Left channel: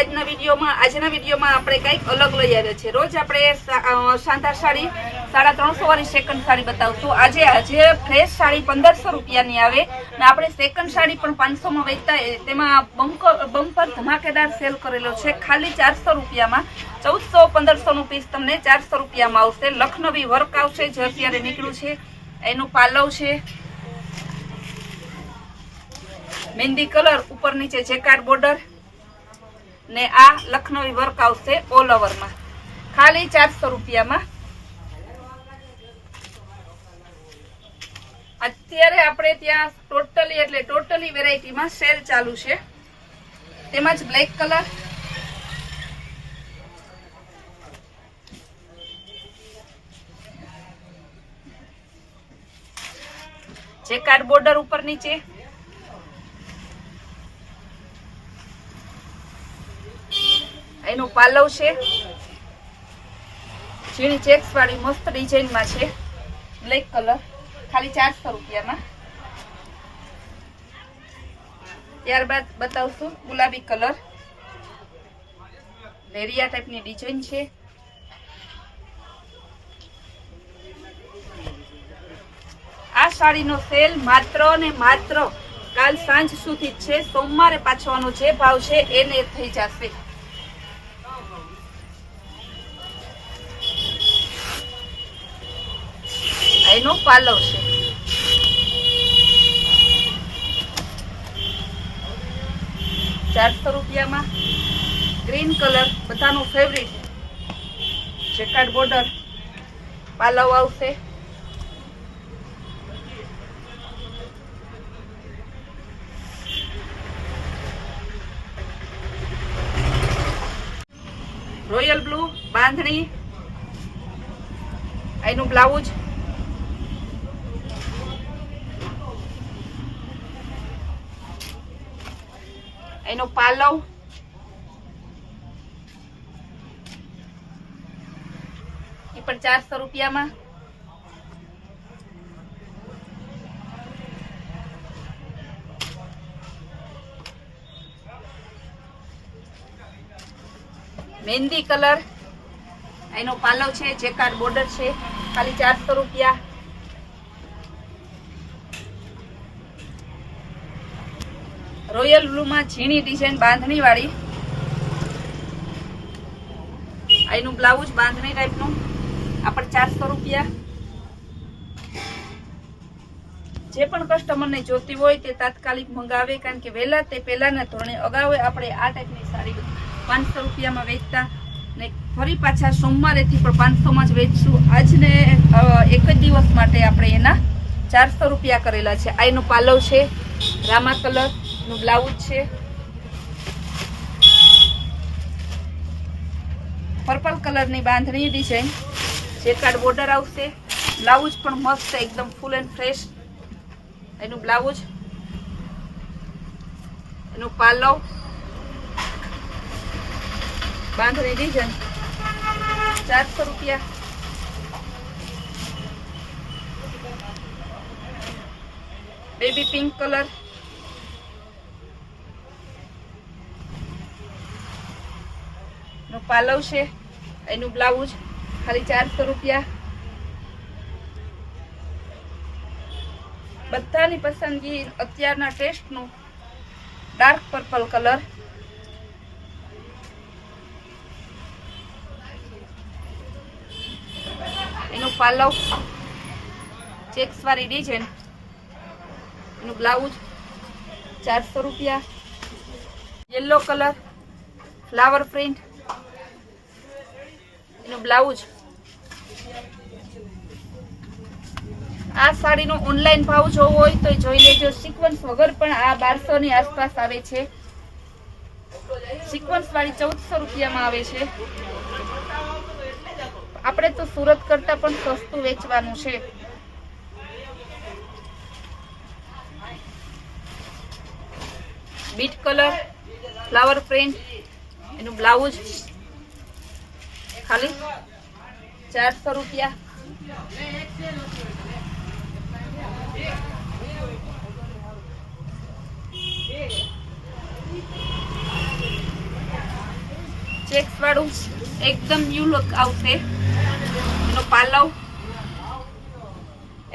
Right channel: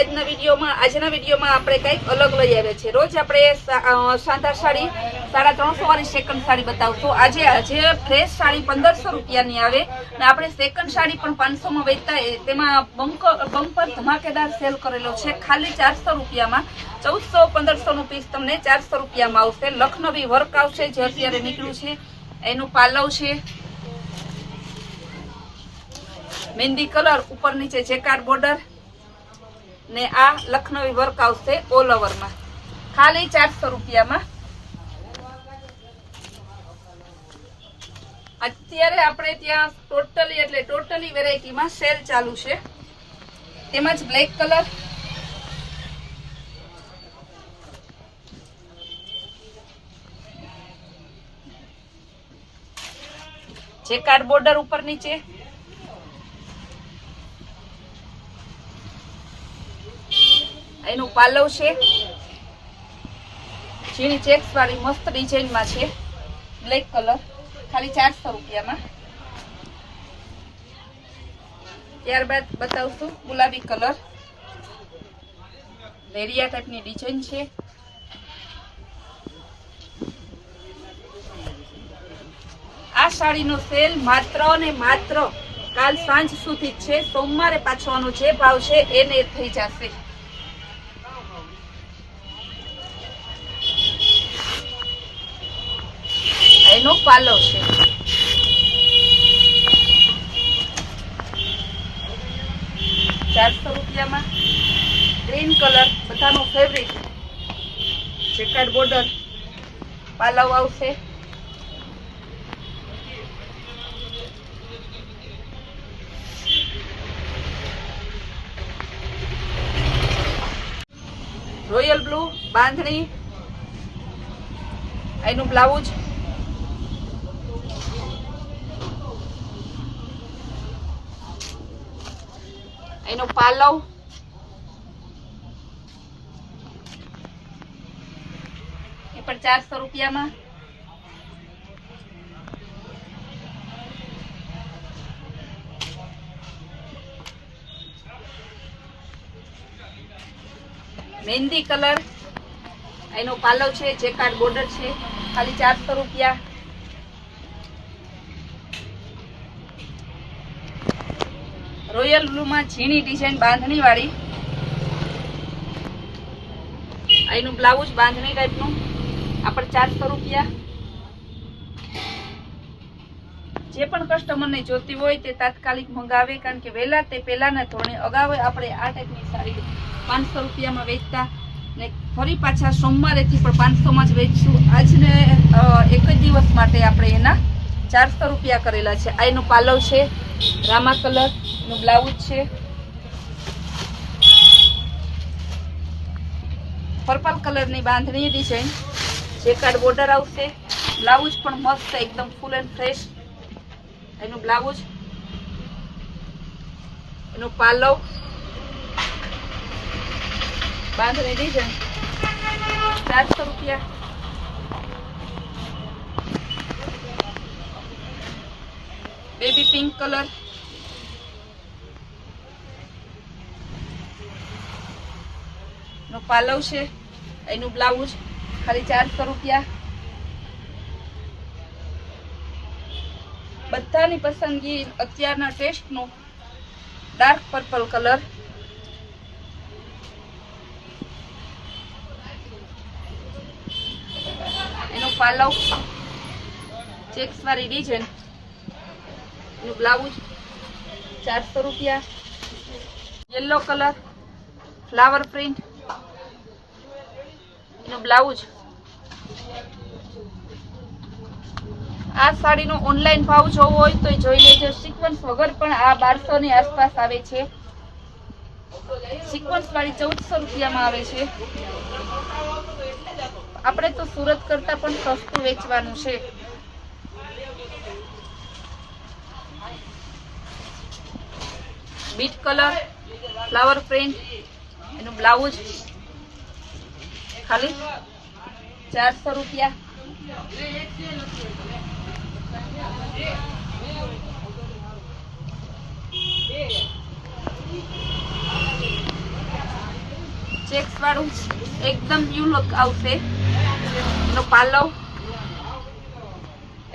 આજના વિડીયોમાં આપણે કંઈક અલગ લઈ આવ્યા છે। રોજ આપણે શાનદાર સાડી 350 વાળી સેકન્ડ સાડી બતાવશું। આજે ફ્રેશ સાડી 1500 રૂપિયાની આવે ને આપણે સેકન્ડ સાડી પણ 500 માં વેચતા તેમાં બમ્પર ધમાકેદાર સેલ કરેલો છે। ખાલી 400 રૂપિયામાં 1400-1500 નું પીસ તમને 400 રૂપિયામાં આવશે। લખનવી વર્ક આવશે જે અત્યારે નીકળ્યું છે। એનું પાલવ છે મહેંદી કલર, ઉપર નીચે જેકાર્ડ બોર્ડર ને આ લખનવી વર્ક આવશે ઓલ ઓવરમાં ખાલી 400 રૂપિયામાં। અત્યારે આપણે ત્યાં ટોટલી વેરાયટીમાં સેલ ચાલુ છે। તેમજ બ્લેક કલર, જેકાર્ડ બોર્ડર ઉપર નીચે, એનું પાલવ છે ઝીણી ચેક્સ વાળી મસ્ત ડિઝાઇનમાં છે। બ્લેક કલર ખાલી 400 રૂપિયામાં। ત્યારબાદ બતાવશું ગુલાબી કલર, લેરિયા ટાઈપની ડિઝાઇન છે। આ સાડીનો સેલ માત્ર ને માત્ર કાલ સાંજ સુધી જ છે। સોમવારે પાછવાનો જે ભાવ છે એને થઈ જશે। એનો પાલવ છે ₹400 રૂપિયામાં। ગ્રીન કલર બધાનો ફેવરિટ, જેકાર્ડ બોર્ડર, પાલવ આવશે। રોયલ બ્લુ બાંધણી, એનું બ્લાઉઝ, એનો પાલવ, એ પણ 400 રૂપિયામાં। મહેંદી કલર, એનો પાલવ છે, જેકાર્ડ બોર્ડર છે, ખાલી 400 રૂપિયા। રોયલ બ્લુ માં ઝીણી ડિઝાઇન બાંધણી વાળી, એનું બ્લાઉઝ બાંધણી ટાઈપનું, આ પણ 400 રૂપિયા। જે પણ કસ્ટમરને જોતી હોય તે તાત્કાલિક મંગાવે, કારણ કે વહેલા તે પહેલાના ધોરણે અગાઉ આપણે આ ટાઈપની સાડી 500 રૂપિયામાં વેચતા ને ફરી પાછા સોમવારેથી પણ 500 માં જ વેચશું। આજને એક જ દિવસ માટે આપણે એના 400 રૂપિયા કરેલા છે। આ એનું પાલવ છે રામા કલર, નું બ્લાઉઝ છે પર્પલ કલરની બાંધણી ડિઝાઇન, જેકાર્ડ બોર્ડર આવશે। બ્લાઉઝ પણ મસ્ત એકદમ ફૂલ એન્ડ ફ્રેશ, એનું બ્લાઉઝ, એનું પાલવ, બાંધણી ડિઝાઇન 400 રૂપિયા। બેબી પિંક કલર, નો પાલવ છે, એનું બ્લાઉઝ ખાલી 400 રૂપિયા। બધાની પસંદગી અત્યારના ટેસ્ટનો ડાર્ક પર્પલ કલર, એનો પાલવ, ચેક્સ વાળી ડિઝાઇન, એનું બ્લાઉઝ 400 રૂપિયા। યલો કલર, ફ્લાવર પ્રિન્ટ, એનું બ્લાઉઝ। આ સાડીનો ઓનલાઈન ભાવ જોવો હોય તો જોઈ લેજો। સિક્વન્સ વગર પણ આ 1200 ની આસપાસ આવે છે। સિક્વન્સ વાળી 1400 રૂપિયામાં આવે છે। આપણે તો સુરત કરતા પણ સસ્તું વેચવાનું છે। બીટ કલર, ફ્લાવર પ્રિન્ટ, એનું બ્લાઉઝ ખાલી 400 રૂપિયા। ચેક્સ વાળું એકદમ ન્યુ લુક આવશે. એનો પાલવ,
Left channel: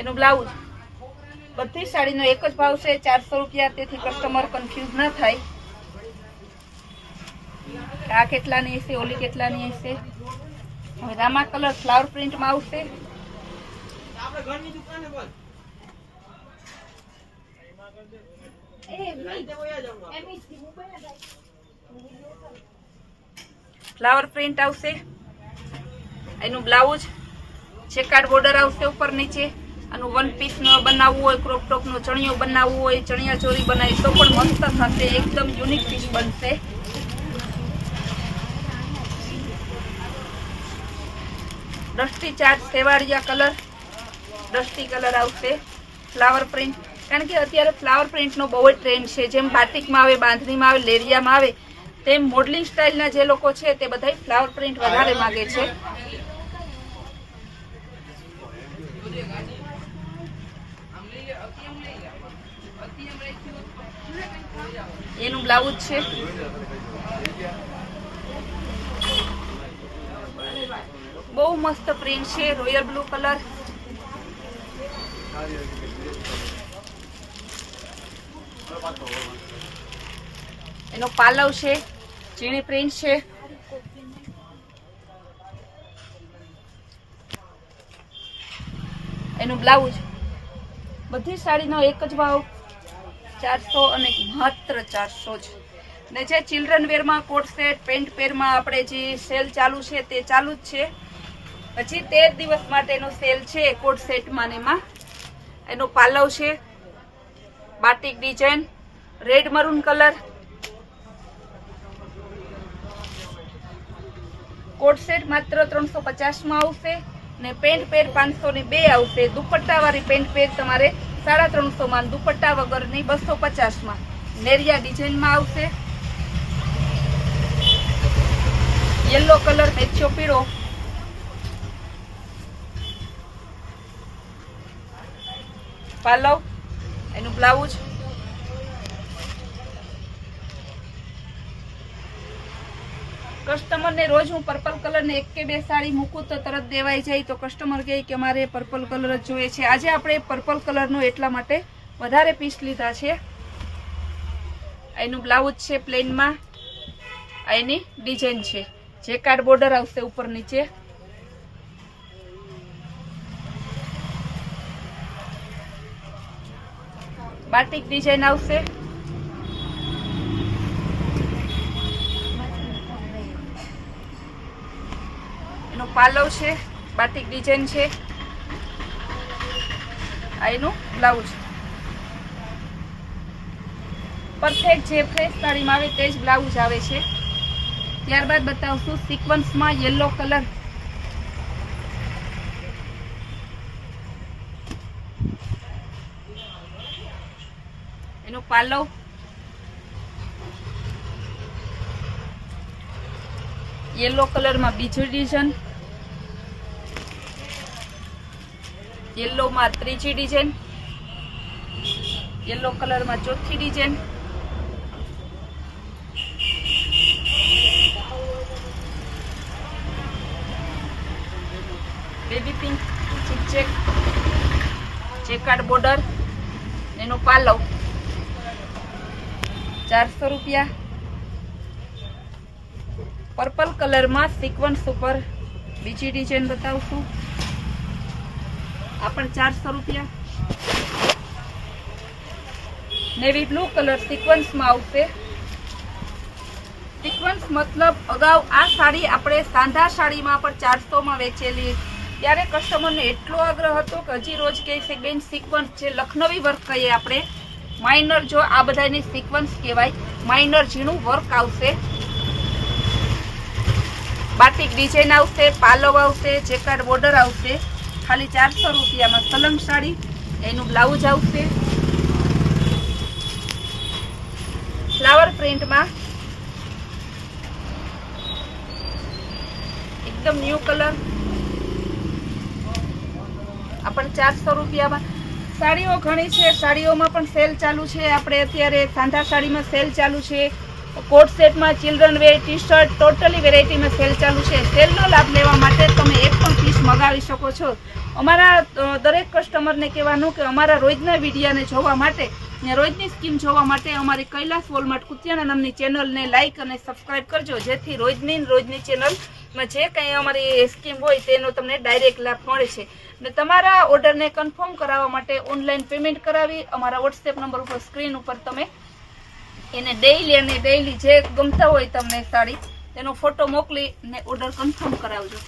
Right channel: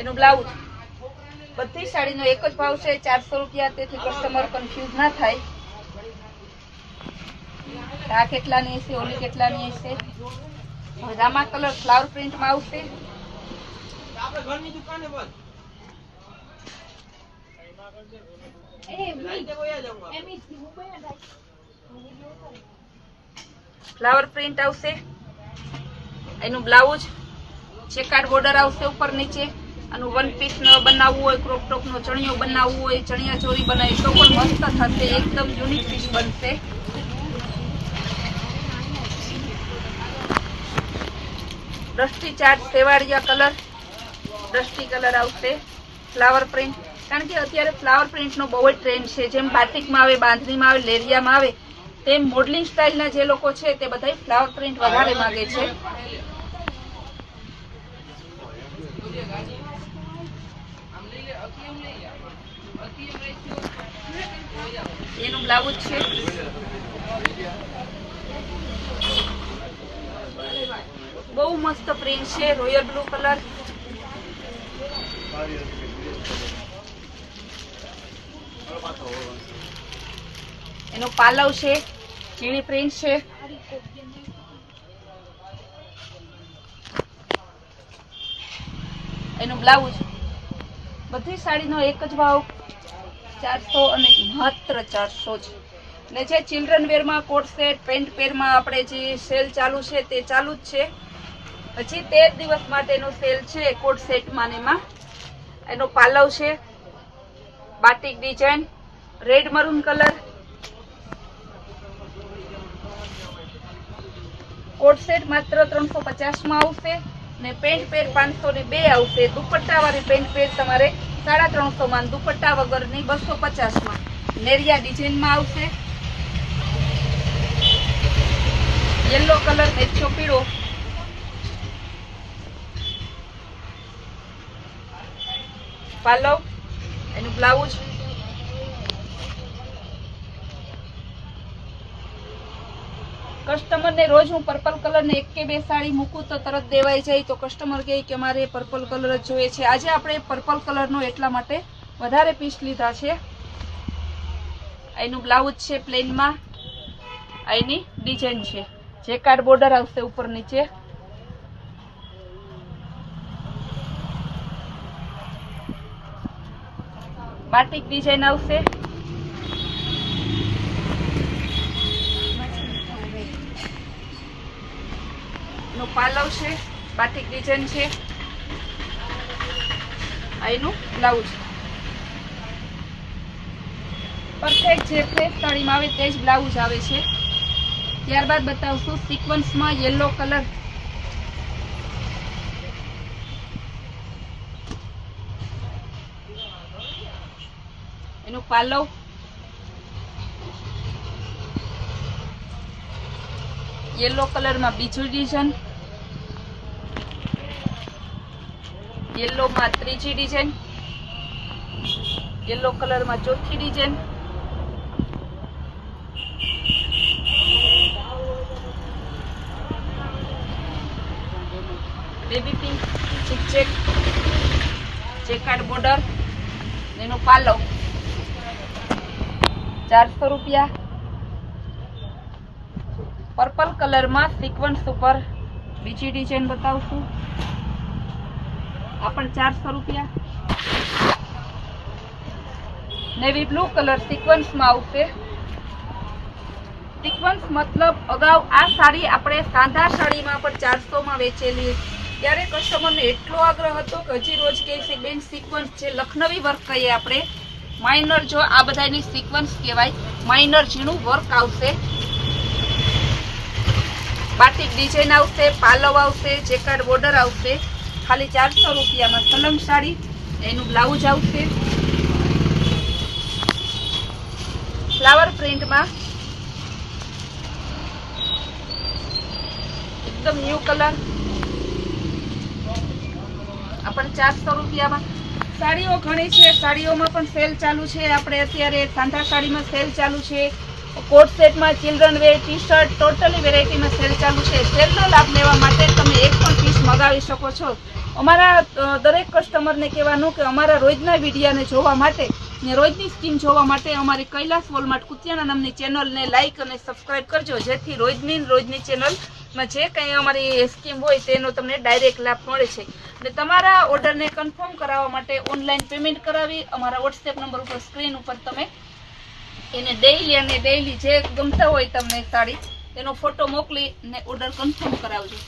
એનું બ્લાઉઝ, બધી સાડીનો એક જ ભાવ છે 400 રૂપિયા. તેથી કસ્ટમર કન્ફ્યુઝ ના થાય આ કેટલાની હશે, ઓલી કેટલાની હશે. હવે રામા કલર ફ્લાવર પ્રિન્ટમાં આવશે. ફ્લાવર પ્રિન્ટ આવશે. એનું બ્લાઉઝ ચેકાર્ડ બોર્ડર આવશે ઉપર નીચે. આનું વન પીસ બનાવવું હોય, ક્રોપ ટોપ નો ચણિયો બનાવવું હોય, ચણિયા ચોરી બનાવી તો પણ મસ્ત થશે. એકદમ યુનિક પીસ બનશે. ડસ્ટી ચાર્ટ સેવાળિયા કલર, ડસ્ટી કલર આવશે. ફ્લાવર પ્રિન્ટ, કારણ કે અત્યારે ફ્લાવર પ્રિન્ટનો બહુ જ ટ્રેન્ડ છે. જેમ બાટિકમાં આવે, બાંધણીમાં આવે, લેરિયામાં આવે, તેમ મોડલિંગ સ્ટાઇલના જે લોકો છે તે બધા ફ્લાવર પ્રિન્ટ વધારે માંગે છે. એનું બ્લાઉઝ છે. બહુ મસ્ત પ્રિન્ટ છે. રોયલ બ્લુ કલર, એનો પાલવ છે. ચીણી પ્રિન્ટ છે. એનું બ્લાઉઝ. બધી સાડીનો એક જ ભાવ 400 અને માત્ર 400 જ. ને જે ચિલ્ડ્રન વેરમાં કોટ સેટ, પેન્ટ પેરમાં આપણે જે સેલ ચાલુ છે તે ચાલુ જ છે. પછી 13 દિવસ માટેનો સેલ છે કોટ સેટમાં ને એમાં. એનો પાલવ છે batik design, red maroon colour. Coat set માત્ર 350 માં આવશે ને પેન્ટ પેર 502 આવશે. દુપટ્ટા વાળી પેન્ટ પેર તમારે 350 માં, દુપટ્ટા વગરની 250 માં. નેરિયા ડિઝાઇનમાં આવશે. યલો કલર, મેચો પીળો. પાલવ, એનું બ્લાઉઝ. કસ્ટમરને રોજ હું પર્પલ કલરની એક કે બે સાડી મૂકું તો તરત દેવાઈ જાય, તો કસ્ટમર કહે કે મારે પર્પલ કલર જ જોઈએ છે. આજે આપણે પર્પલ કલરનો એટલા માટે વધારે પીસ લીધા છે. એનું બ્લાઉઝ છે પ્લેનમાં. એની ડિઝાઇન છે, જેકાર્ડ બોર્ડર આવશે ઉપર નીચે. બાટિક ડિઝાઇન આવશે. એનો પાલવ છે, બાટિક ડિઝાઇન છે. એનું બ્લાઉઝ પરફેક્ટ જે ફ્રેશ સાડીમાં આવે તે જ બ્લાઉઝ આવે છે. ત્યારબાદ બતાવશું સિક્વન્સમાં યલો કલર. એનું પાલવ, યલો કલરમાં બીજી ડિઝાઇન, યલોમાં ત્રીજી ડિઝાઇન, યલો કલરમાં ચોથી design. Baby pink check, checkered border. એનો પાલવ 400 રૂપિયા. પર્પલ કલરમાં સિક્વન્સ ઉપર બીજી ડિઝાઇન બતાવશું. આ પણ 400 રૂપિયા. નેવી બ્લુ કલર સિક્વન્સમાં આવશે. સિક્વન્સ મતલબ અગાઉ આ સાડી આપણે સાંધા સાડીમાં પણ 400 માં વેચેલી. ત્યારે કસ્ટમરને એટલો આગ્રહ હતો કે હજી રોજ કહે છે બેન સિક્વન્સ છે, લખનવી વર્ક કહીએ આપણે. માઇનર, જો આ બધાની સિક્વન્સ કહેવાય. માઇનર ઝીણું વર્ક આવશે. બાટિક ડિઝાઇન આવશે, પાલવ આવશે, ચેકર્ડ બોર્ડર આવશે. ખાલી 400 રૂપિયામાં સલંગ સાડી. એનું બ્લાઉઝ આવશે ફ્લાવર પ્રિન્ટમાં. એકદમ ન્યુ કલર. આ પણ 400 રૂપિયામાં. સાડીઓ ઘણી છે, સાડીઓમાં પણ સેલ ચાલુ છે. આપણે અત્યારે સાંધા સાડીમાં સેલ ચાલુ છે. કોટ સેટમાં children were T shirt totally વેરાયટીમાં cell ચાલુ છે. સેલનો લાભ લેવા માટે તમે એક પણ પીસ મગાવી શકો છો. અમારા દરેક કસ્ટમરને કહેવાનું કે અમારા રોજના વિડીયાને જોવા માટે ને રોજની સ્કીમ જોવા માટે અમારી કૈલાસ વોલમાર્ટ કુતિયાણા નામની ચેનલને લાઇક અને સબસ્ક્રાઇબ કરજો, જેથી રોજની ચેનલમાં જે કંઈ અમારી સ્કીમ હોય તેનો તમને ડાયરેક્ટ લાભ મળે છે. ને તમારા ઓર્ડરને કન્ફર્મ કરાવવા માટે ઓનલાઈન પેમેન્ટ કરાવી અમારા વોટ્સએપ નંબર ઉપર સ્ક્રીન ઉપર તમે એને ડેઈલી જે ગમતા હોય તમને સાડી તેનો ફોટો મોકલી ને ઓર્ડર કન્ફર્મ કરાવજો.